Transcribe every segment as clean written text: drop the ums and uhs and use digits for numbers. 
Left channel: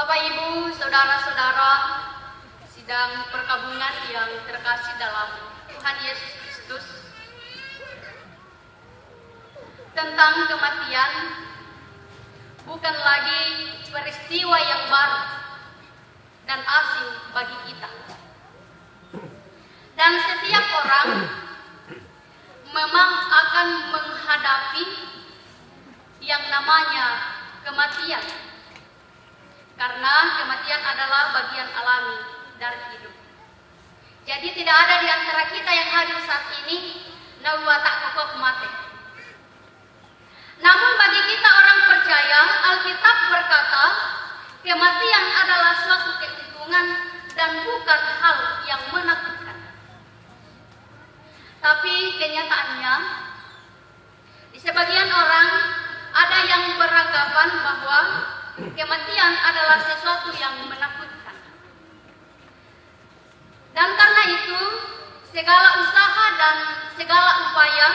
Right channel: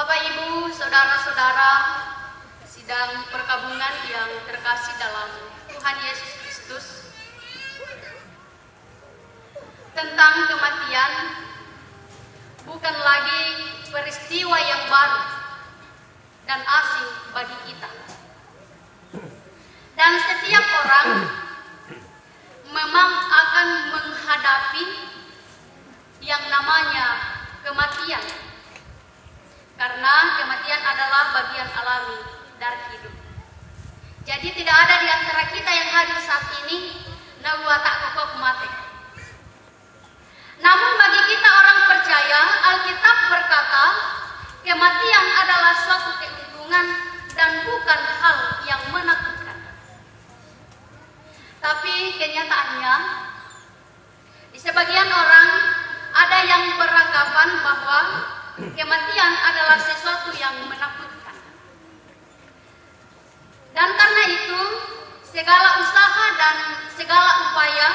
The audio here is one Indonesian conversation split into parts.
Bapak, Ibu, saudara-saudara, sidang perkabungan yang terkasih dalam Tuhan Yesus Kristus, tentang kematian bukan lagi peristiwa yang baru dan asing bagi kita. Dan setiap orang memang akan menghadapi yang namanya kematian. Karena kematian adalah bagian alami dari hidup. Jadi tidak ada di antara kita yang hadir saat ini nawa tak pokok mati. Namun bagi kita orang percaya, Alkitab berkata, kematian adalah suatu keuntungan dan bukan hal yang menakutkan. Tapi kenyataannya, di sebagian orang ada yang beranggapan bahwa kematian adalah sesuatu yang menakutkan. Dan karena itu, segala usaha dan segala upaya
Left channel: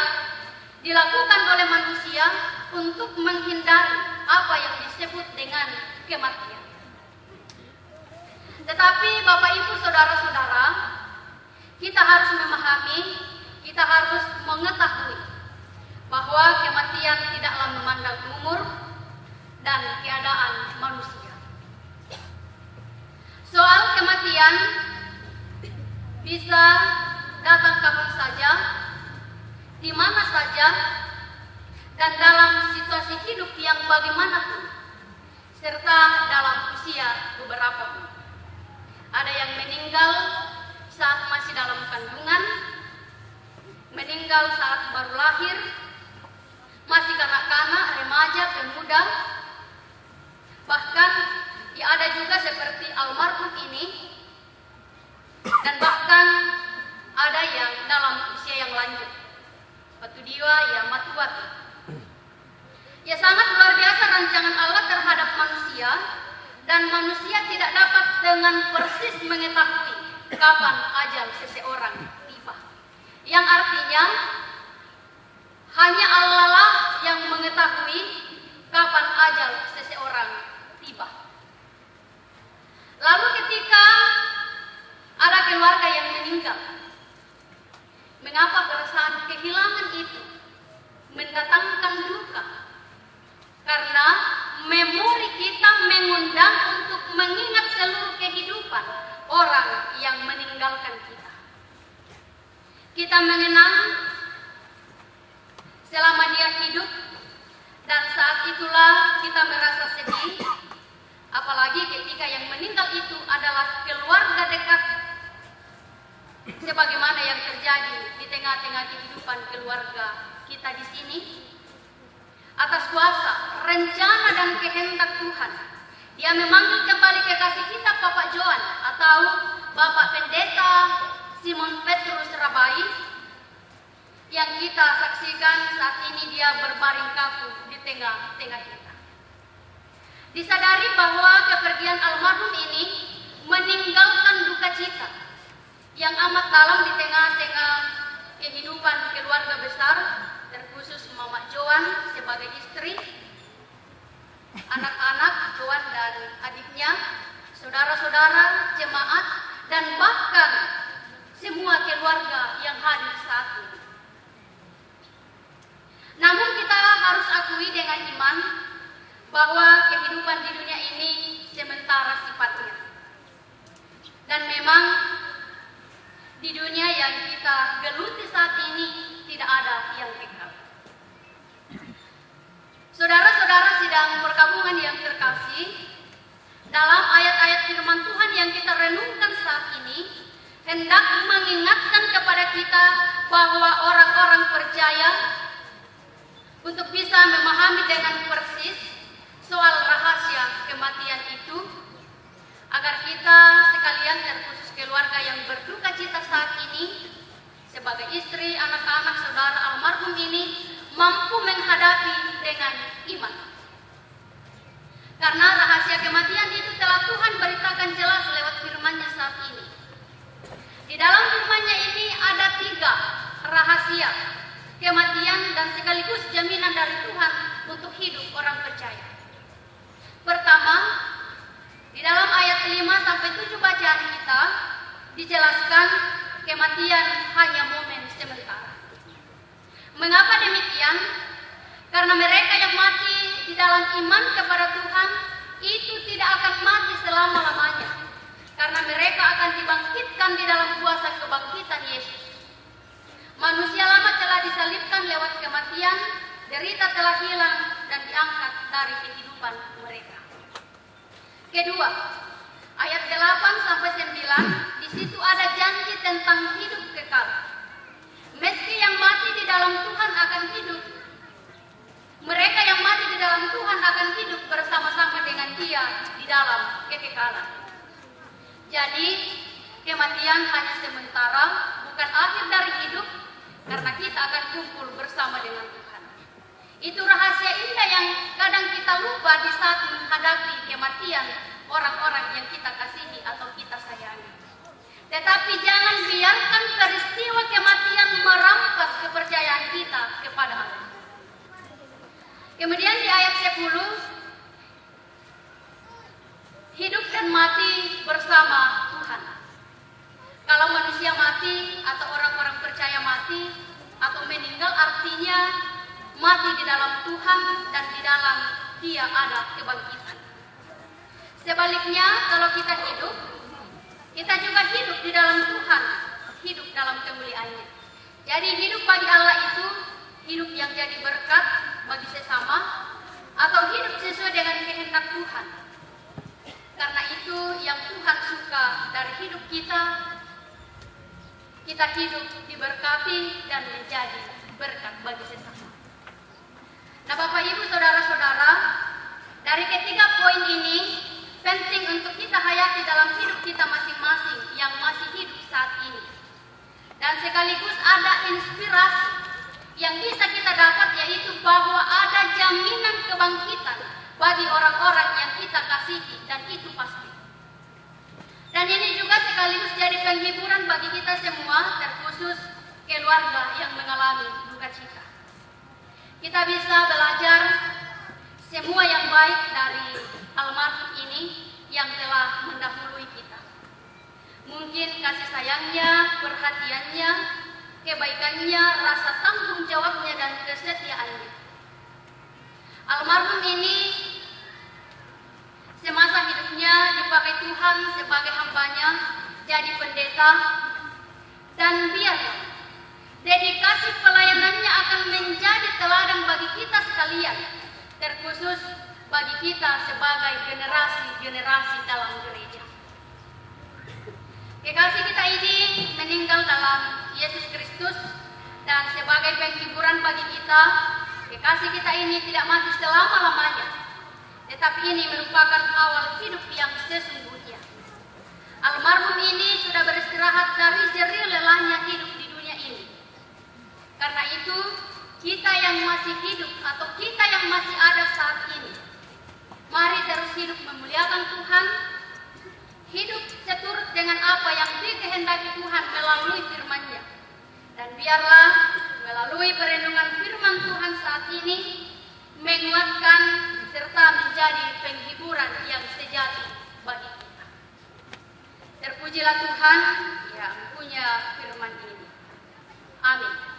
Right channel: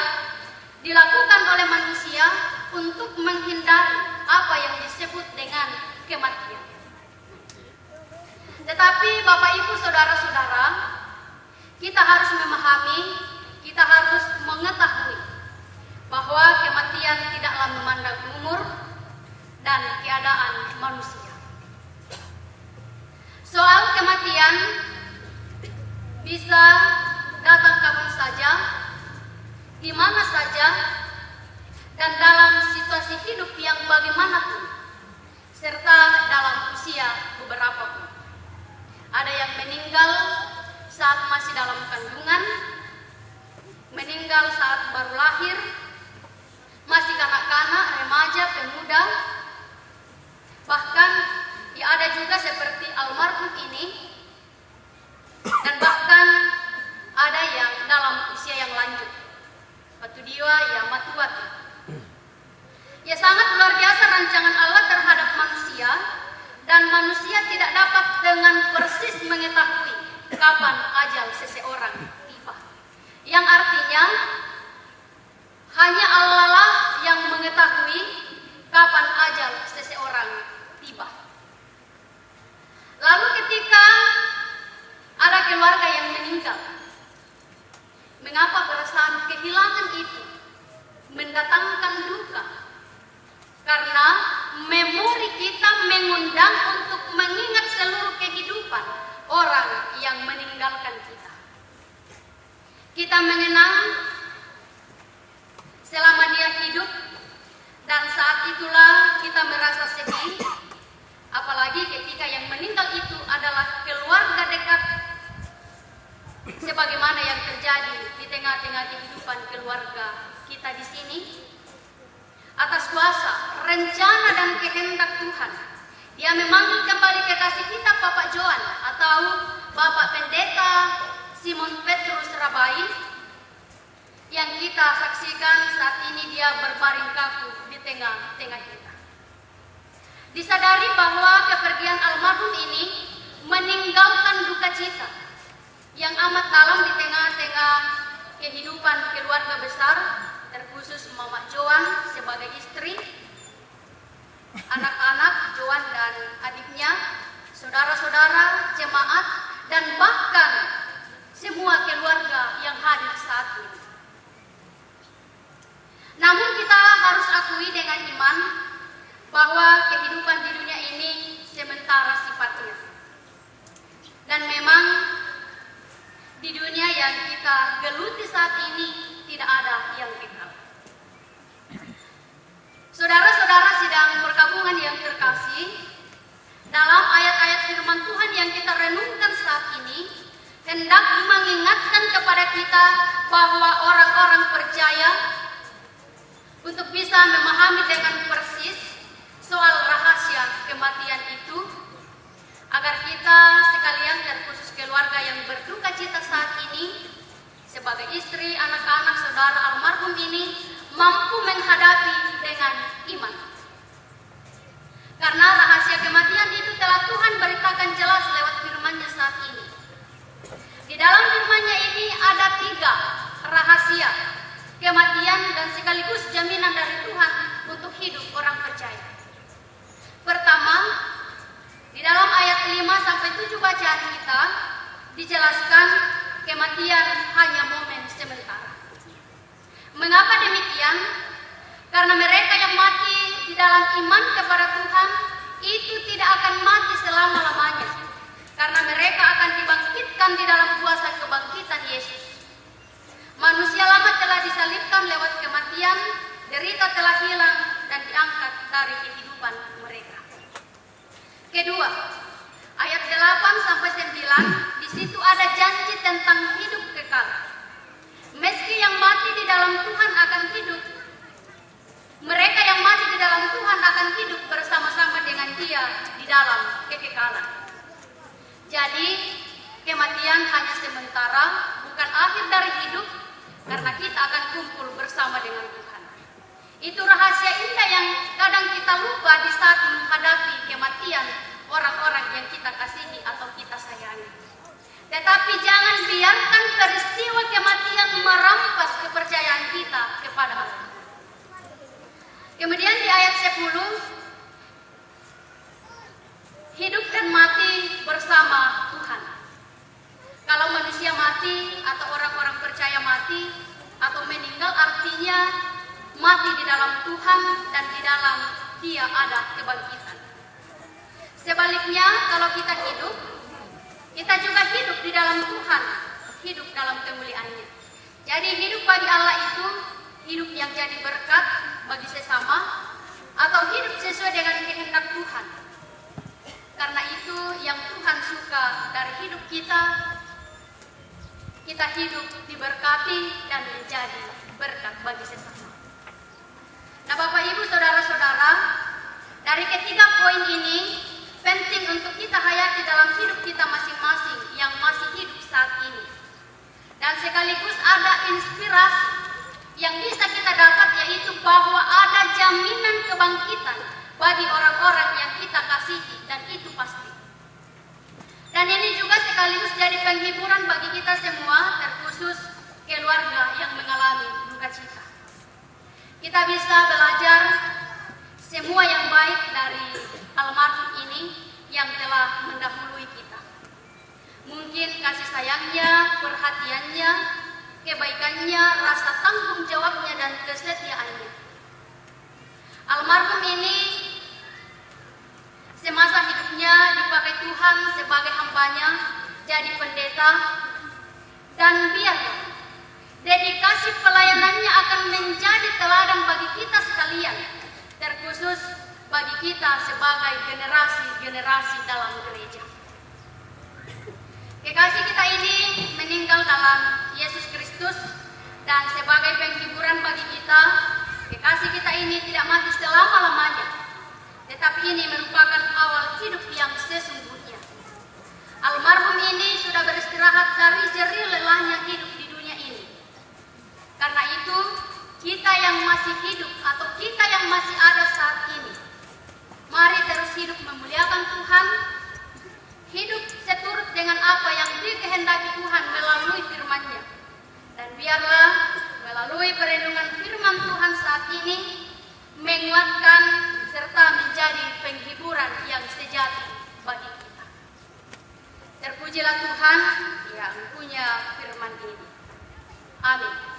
dilakukan oleh manusia untuk menghindari apa yang disebut dengan kematian. Tetapi Bapak, Ibu, saudara-saudara, kita harus memahami, kita harus mengetahui bahwa kematian tidaklah memandang umur dan keadaan manusia. Soal kematian bisa datang kapan saja, di mana saja, dan dalam situasi hidup yang bagaimanapun, serta dalam usia beberapa pun. Ada yang meninggal saat masih dalam kandungan, meninggal saat baru lahir, masih kanak-kanak, remaja, pemuda. Bahkan ya ada juga seperti almarhum ini, dan bahkan ada yang dalam usia yang lanjut, patudiwa ya matuati. Ya sangat luar biasa rancangan Allah terhadap manusia, dan manusia tidak dapat dengan persis mengetahui kapan ajal seseorang tiba. Yang artinya hanya Allah lah yang mengetahui kapan ajal seseorang tiba. Lalu ketika ada keluarga yang meninggal, mengapa perasaan kehilangan itu mendatangkan duka? Karena memori kita mengundang untuk mengingat seluruh kehidupan orang yang meninggalkan kita. Kita mengenang selama dia hidup, dan saat itulah kita merasa sedih, apalagi ketika yang meninggal itu adalah keluarga dekat, sebagaimana yang terjadi di tengah-tengah kehidupan keluarga kita di sini. Atas kuasa, rencana dan kehendak Tuhan, Dia memanggil kembali kekasih kita Bapak Joan atau Bapak Pendeta Simon Petrus Rabai, yang kita saksikan saat ini dia berbaring kaku di tengah-tengah kita. Disadari bahwa kepergian almarhum ini meninggalkan duka cita yang amat dalam di tengah-tengah kehidupan keluarga besar, terkhusus Mama Joan sebagai istri, anak-anak Joan dan adiknya, saudara-saudara, jemaat, dan bahkan semua keluarga yang hadir saat ini. Namun kita harus akui dengan iman bahwa kehidupan di dunia ini sementara sifatnya. Dan memang di dunia yang kita geluti saat ini tidak ada yang kekal. Saudara-saudara sidang perkabungan yang terkasih, dalam ayat-ayat firman Tuhan yang kita renungkan saat ini, hendak mengingatkan kepada kita bahwa orang-orang percaya untuk bisa memahami dengan persis soal rahasia kematian itu, agar kita sekalian terkhusus keluarga yang berduka cita saat ini, sebagai istri, anak-anak, saudara almarhum ini, mampu menghadapi dengan iman. Karena rahasia kematian itu telah Tuhan beritakan jelas lewat firman-Nya saat ini. Di dalam firman-Nya ini ada 3 rahasia kematian dan sekaligus jaminan dari Tuhan untuk hidup orang percaya. Pertama, di dijelaskan kematian hanya momen sementara. Mengapa demikian? Karena mereka yang mati di dalam iman kepada Tuhan itu tidak akan mati selama-lamanya. Karena mereka akan dibangkitkan di dalam kuasa kebangkitan Yesus. Manusia lama telah disalibkan lewat kematian, derita telah hilang dan diangkat dari kehidupan mereka. Kedua, ayat 8-9, di situ ada janji tentang hidup kekal. Meski yang mati di dalam Tuhan akan hidup, mereka yang mati di dalam Tuhan akan hidup bersama-sama dengan Dia di dalam kekekalan. Jadi, kematian hanya sementara, bukan akhir dari hidup, karena kita akan kumpul bersama dengan Tuhan. Itu rahasia indah yang kadang kita lupa di saat menghadapi kematian orang-orang yang kita kasihi atau kita sayangi. Tetapi jangan biarkan peristiwa kematian merampas kepercayaan kita kepada Allah. Kemudian di ayat 10, hidup dan mati bersama Tuhan. Kalau manusia mati atau orang-orang percaya mati atau meninggal, artinya mati di dalam Tuhan dan di dalam Dia ada kebangkitan. Sebaliknya, kalau kita hidup, kita juga hidup di dalam Tuhan, hidup dalam kemuliaan-Nya. Jadi hidup bagi Allah itu hidup yang jadi berkat bagi sesama atau hidup sesuai dengan kehendak Tuhan. Karena itu yang Tuhan suka dari hidup kita hidup diberkati dan menjadi berkat bagi sesama. Nah, Bapak Ibu Saudara-saudara, dari ketiga poin ini penting untuk kita hayati dalam hidup kita masing-masing yang masih hidup saat ini. Dan sekaligus ada inspirasi yang bisa kita dapat, yaitu bahwa ada jaminan kebangkitan bagi orang-orang yang kita kasihi, dan itu pasti. Dan ini juga sekaligus jadi penghiburan bagi kita semua, terkhusus keluarga yang mengalami duka cita. Kita bisa belajar semua yang baik dari almarhum ini yang telah mendahului kita. Mungkin kasih sayangnya, perhatiannya, kebaikannya, rasa tanggung jawabnya, dan kesetiaannya. Almarhum ini semasa hidupnya dipakai Tuhan sebagai hambanya, jadi pendeta, dan biarlah dedikasi pelayanannya akan menjadi teladan bagi kita sekalian, terkhusus bagi kita sebagai generasi-generasi dalam gereja. Kekasih kita ini meninggal dalam Yesus Kristus, dan sebagai penghiburan bagi kita, kekasih kita ini tidak mati selama-lamanya, tetapi ini merupakan awal hidup yang sesungguhnya. Almarhum ini sudah beristirahat dari jerih lelahnya hidup di dunia ini. Karena itu, kita yang masih hidup atau kita yang masih ada saat ini, mari terus hidup memuliakan Tuhan, hidup seturut dengan apa yang dikehendaki Tuhan melalui firman-Nya. Dan biarlah melalui perenungan firman Tuhan saat ini menguatkan serta menjadi penghiburan yang sejati bagi kita. Terpujilah Tuhan yang punya firman ini. Amin.